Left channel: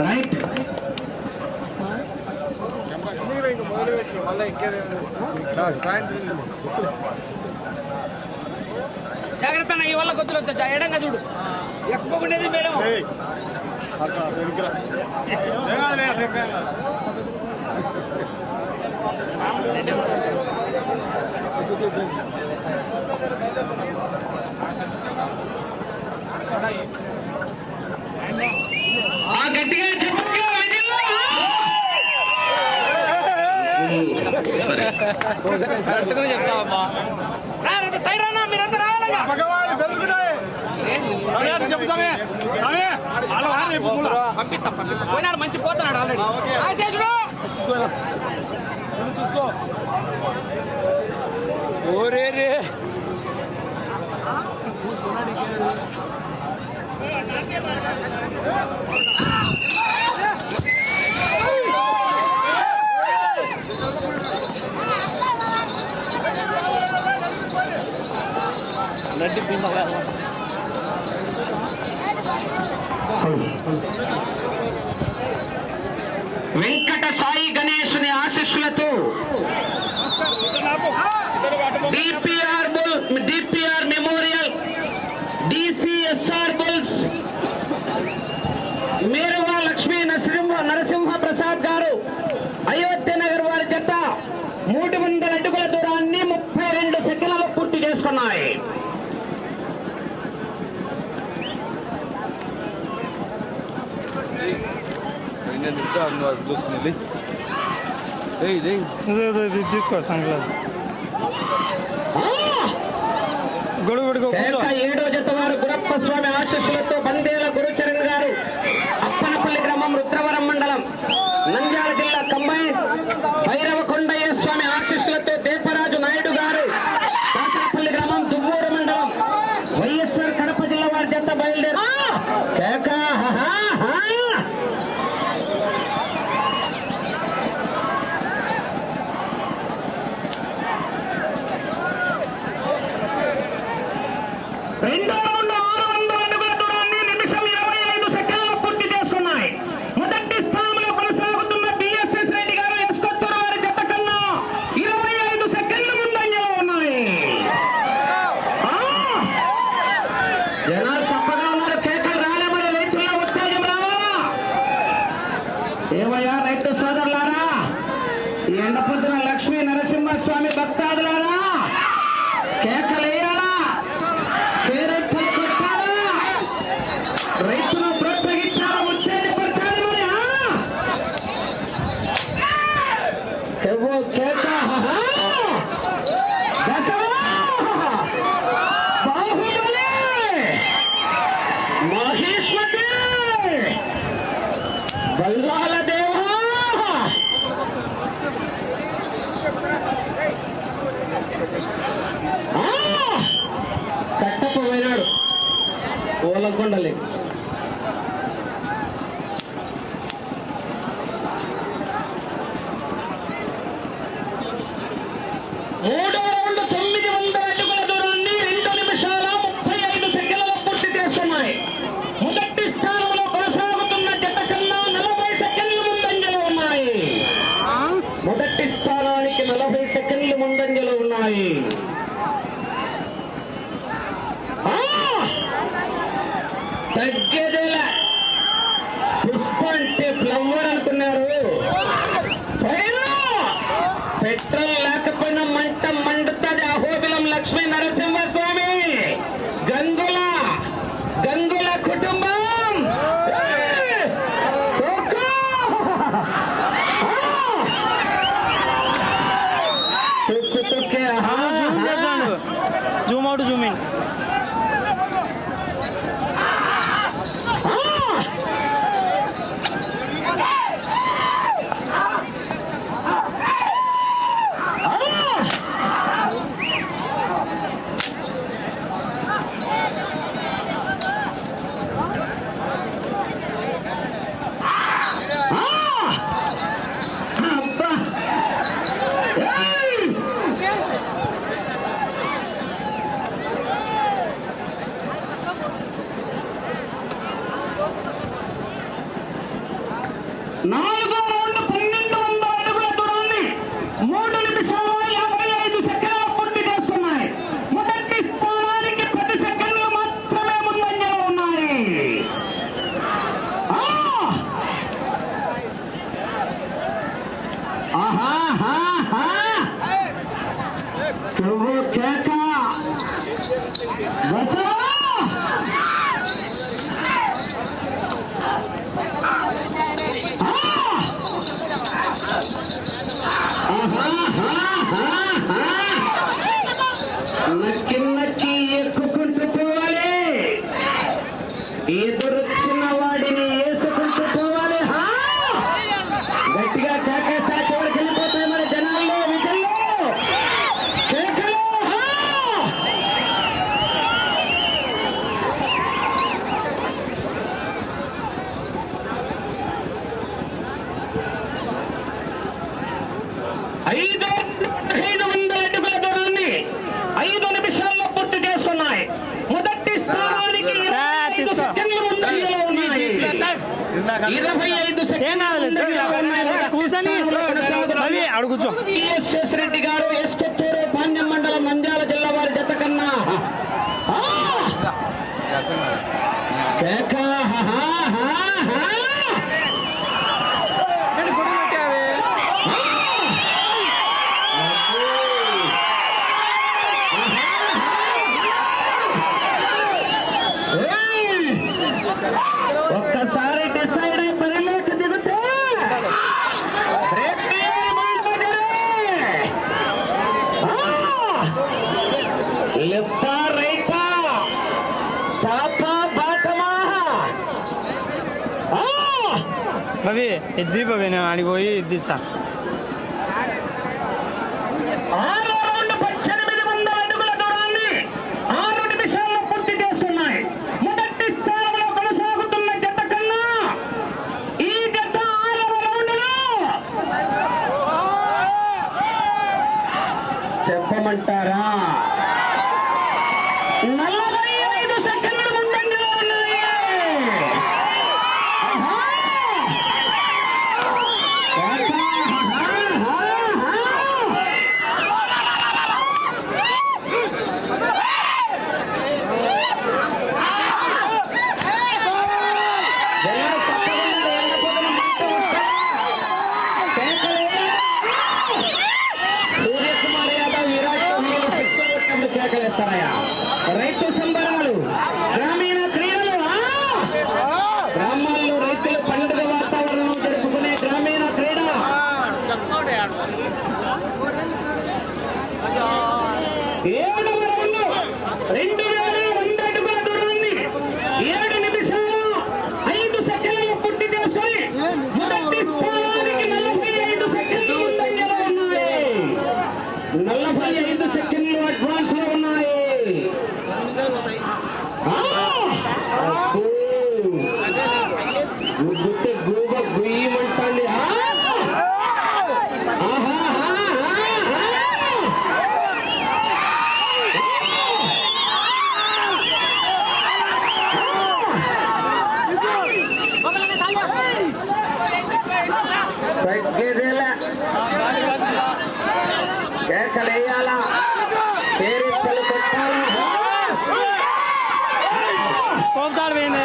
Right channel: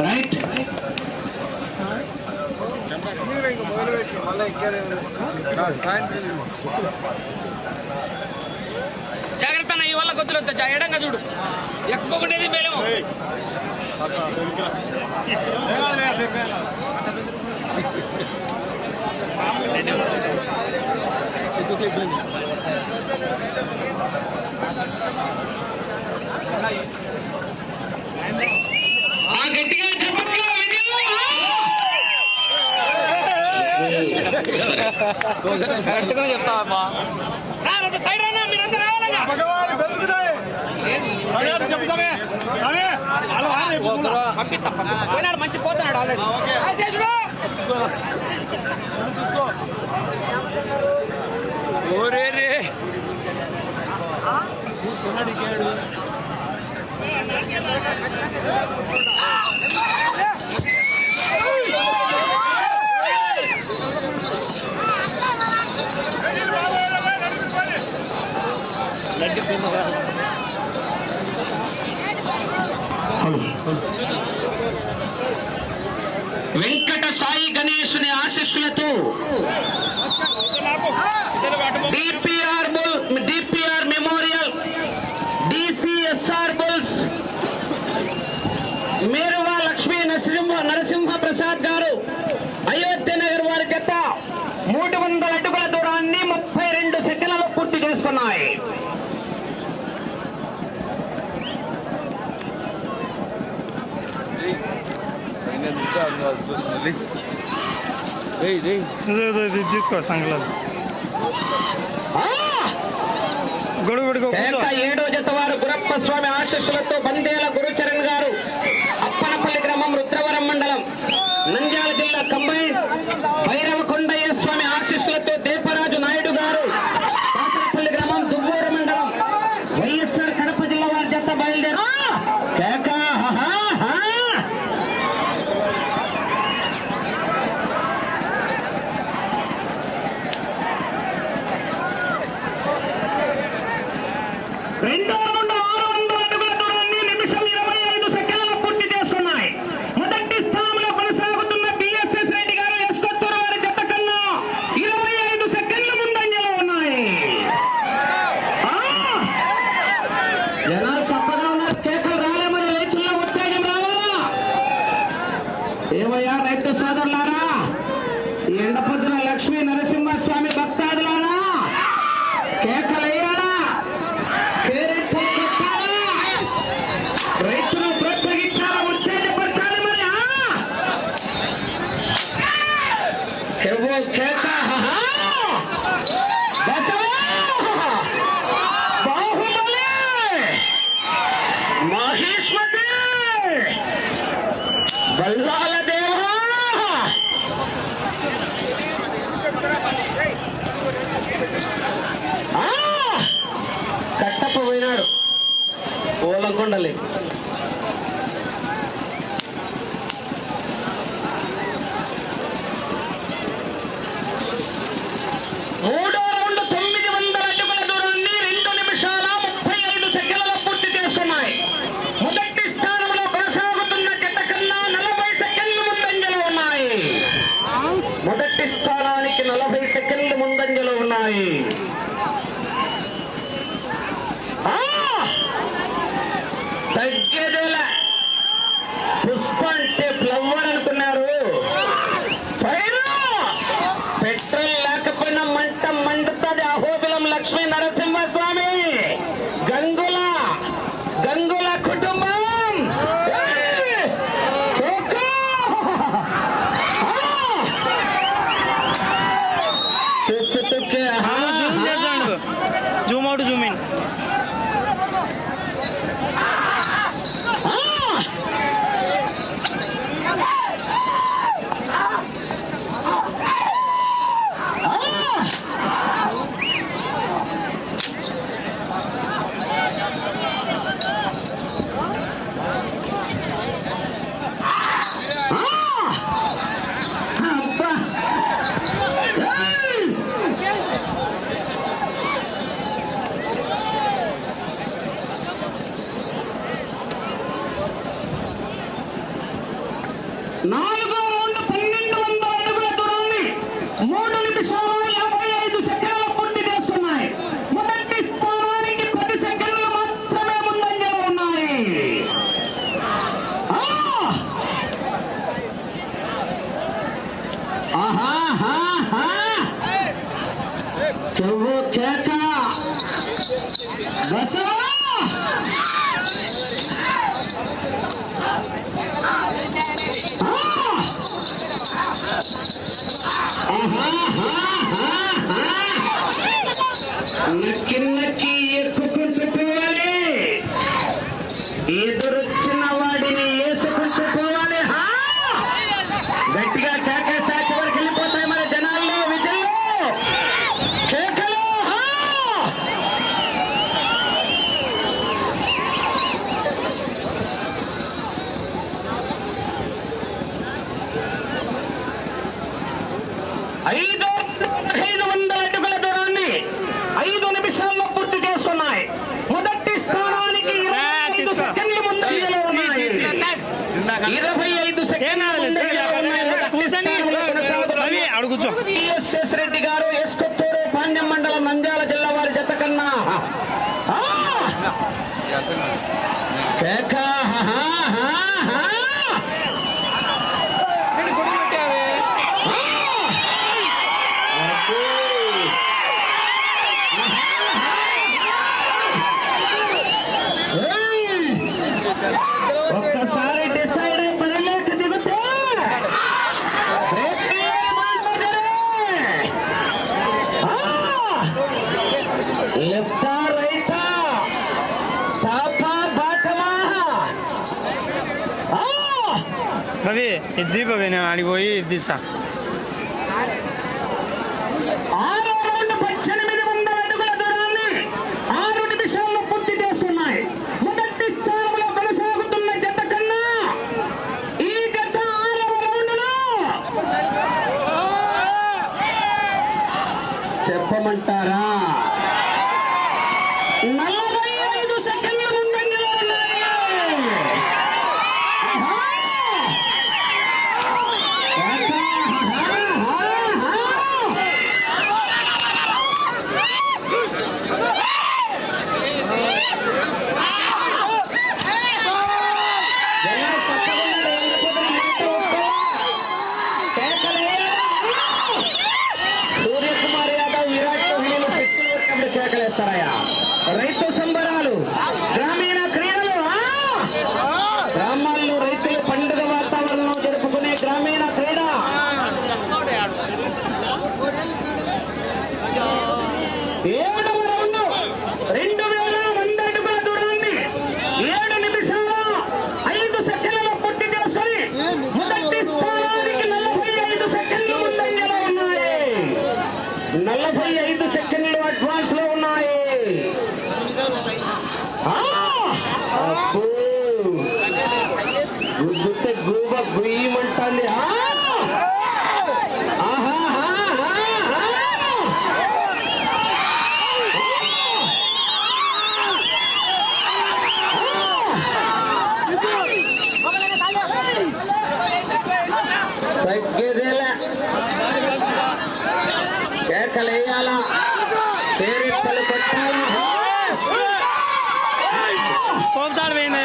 Right జాగ్రత్త అన్న ఈ వల్ల గొద్దులు కొద్దిలో ఎడంగా చూడు. ఎక్కువకుండేది మేలేమో. ఆ కరెక్ట్గానే చెప్తావమ్మా రా, రా, పోయినాడు మంచి పోతున్నాడు ఆల్రెడీ ఓరే రే. వెంకట సాయి గణేశుని ఆశీస్సులతో DPR DPR memorial DCSR bulls మీరుగా లక్ష్మీ నరసింహ నరసింహ ప్రసాద్ గారు అయోధ్య నగర్ వారి జత మూడు వందల అడుగుల దూరాన్ని ముప్పై రెండు సెకండ్లలో పూర్తి చేసుకున్నాయి. తీసుకో సంగల గొడుగు గొడుగు కూర్చో ఏడో జత వారు గురప్ప స్వామి ఆశీస్సులతో బందేల గురుచరణ్ గారు అప్పనపల్లి గ్రామం రుద్రవరం మండలం నంద్యాల జిల్లా కంబైన్। భైరవకొండయ్య స్వామి ఆశీస్సులతో దేపరాజు నాయుడు గారు కాకరపల్లి గ్రామం దువ్వూరు మండలం. వైఎస్ఆర్ కడప జిల్లా వారి జత బయలుదేరు. ఏమయ్యా Cristo zoom out zoom in. ನಾಳೆ భవి ఇద్ది భవి నేను అడిగిపోయి ఇద్ది సార్ తగ్గేదేల కేకలేయాల. పేరెత్తలు కొట్టాలి పోతాడు పోయింది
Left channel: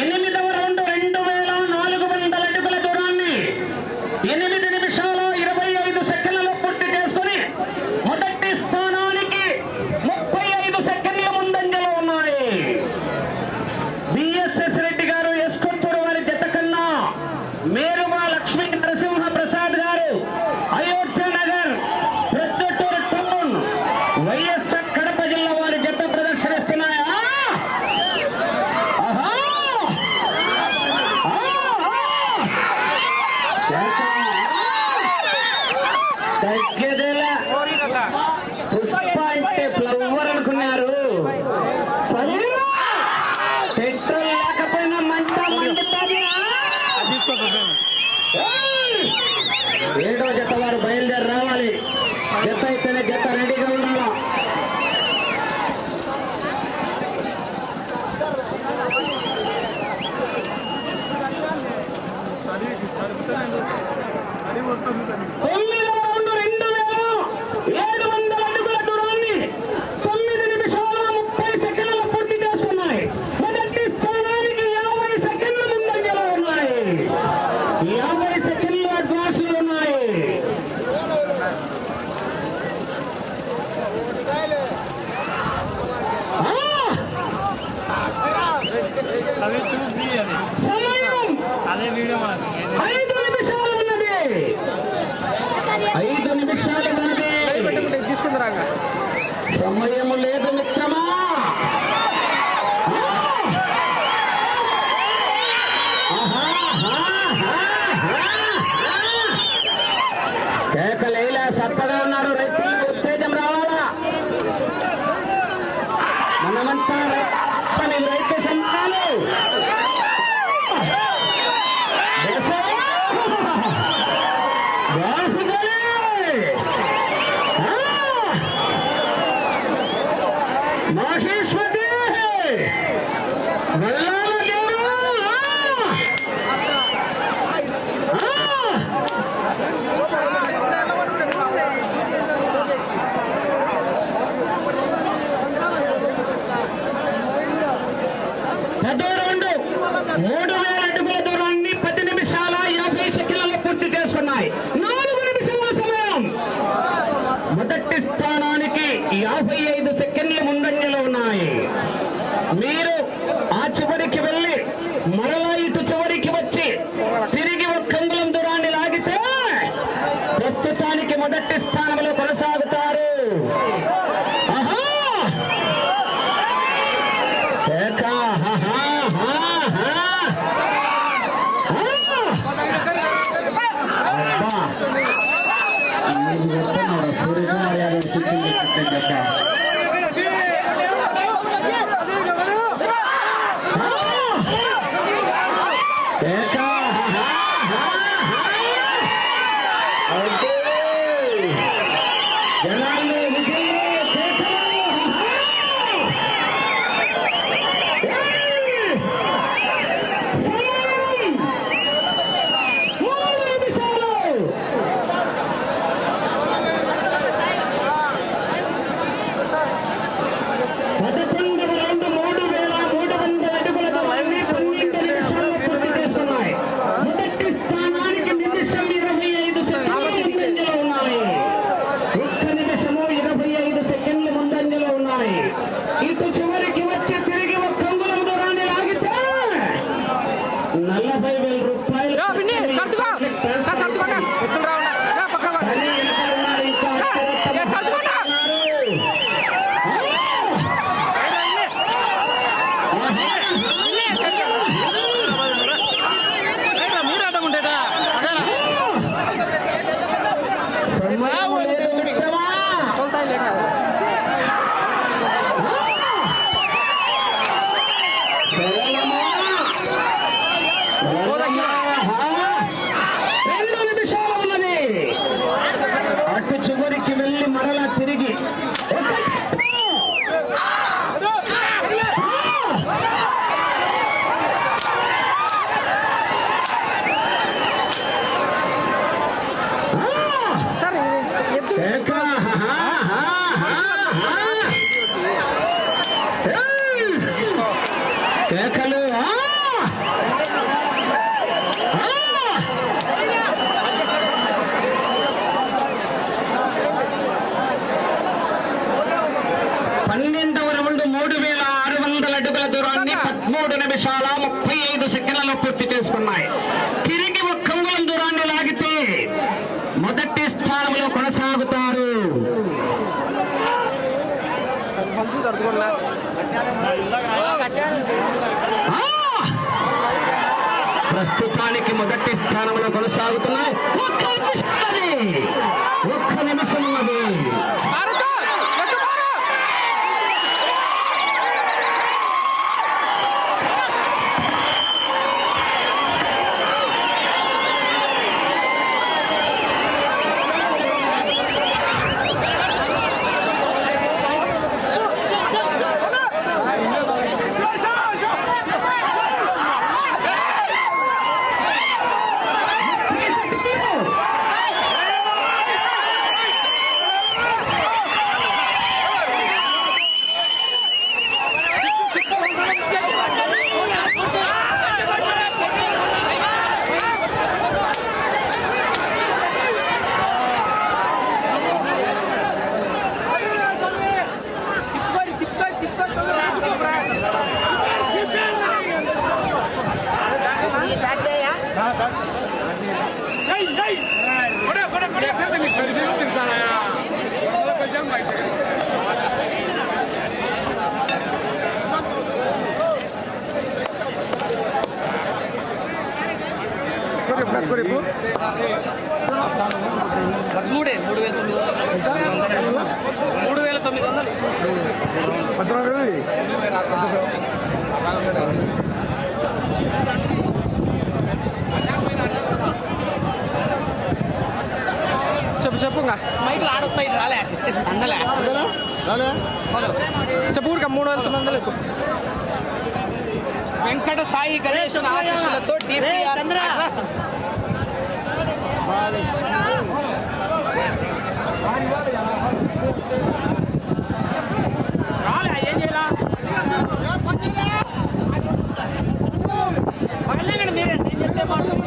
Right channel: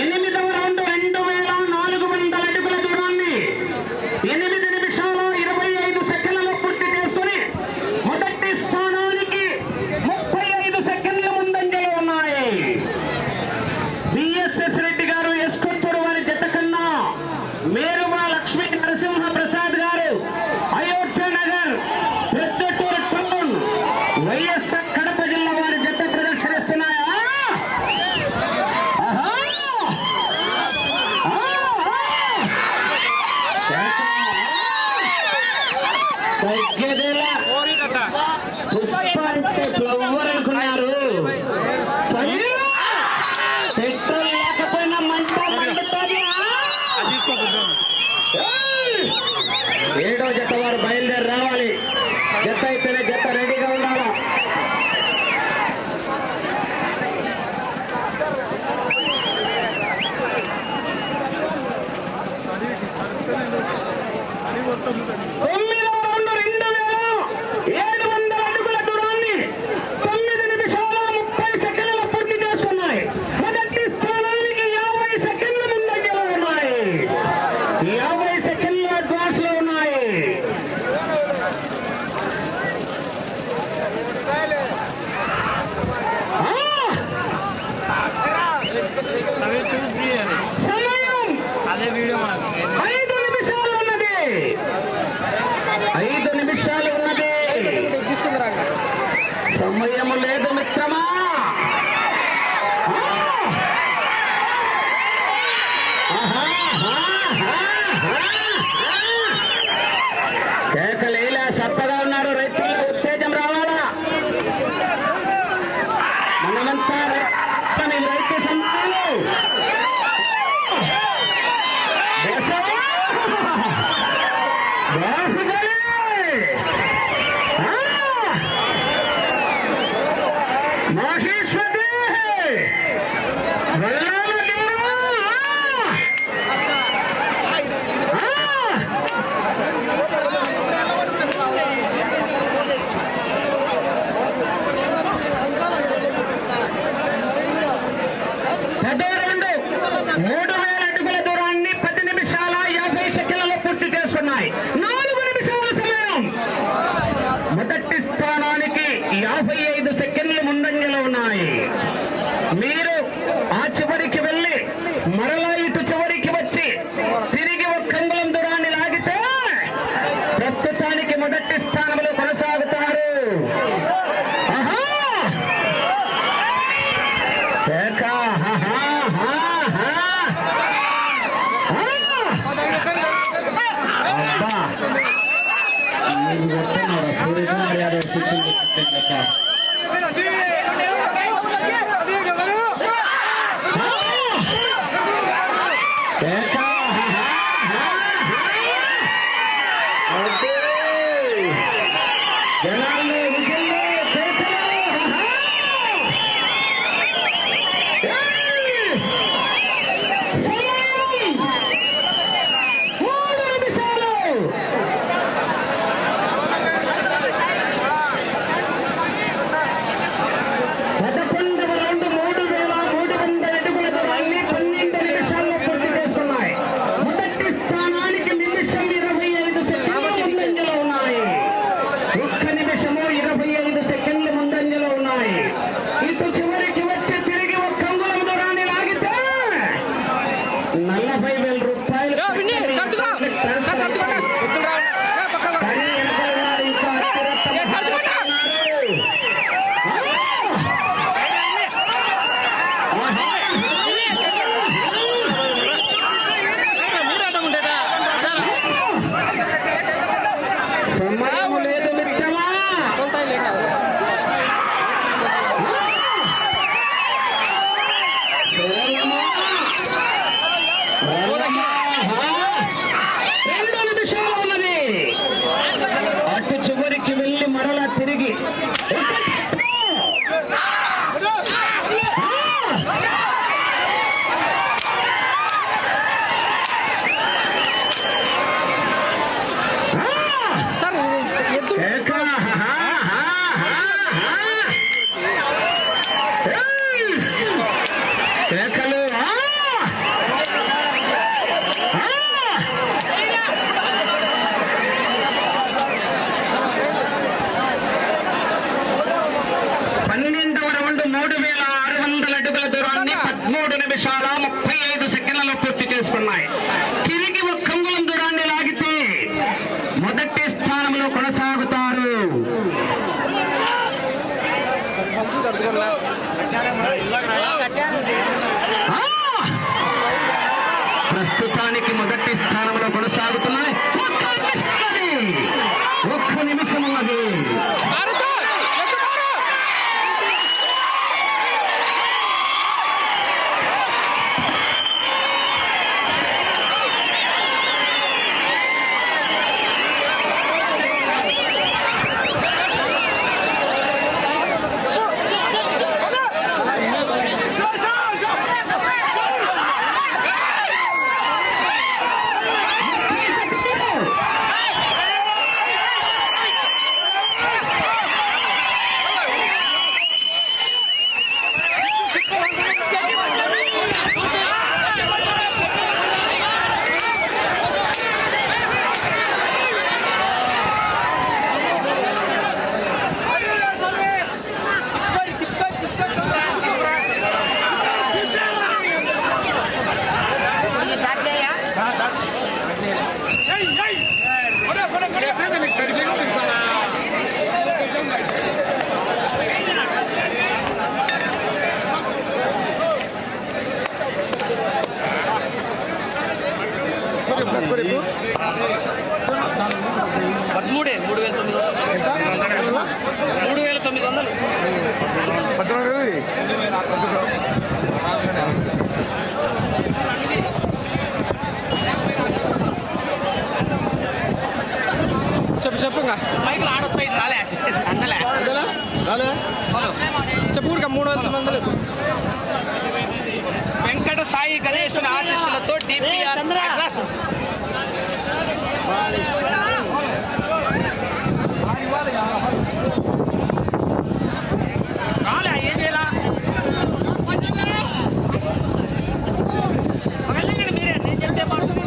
ಏನೇನು Nossa, goleiro! స్థానానికి యాభై ఐదు సెకండ్ తోలుతాయి పంపు చెప్పు చెప్పు మైకులు ఆడొస్తాయి రాలే. అందలే మొదలు. చెప్పు ఊరిక మూడు వందలు చెప్పు. వెంకట సాయి గణేశుని ఆశీస్సులతో డిపిఆర్ అడ్రస్. రాలే ఏం చేయాలా? మీరే నేను చెప్తే బాగుంటుంది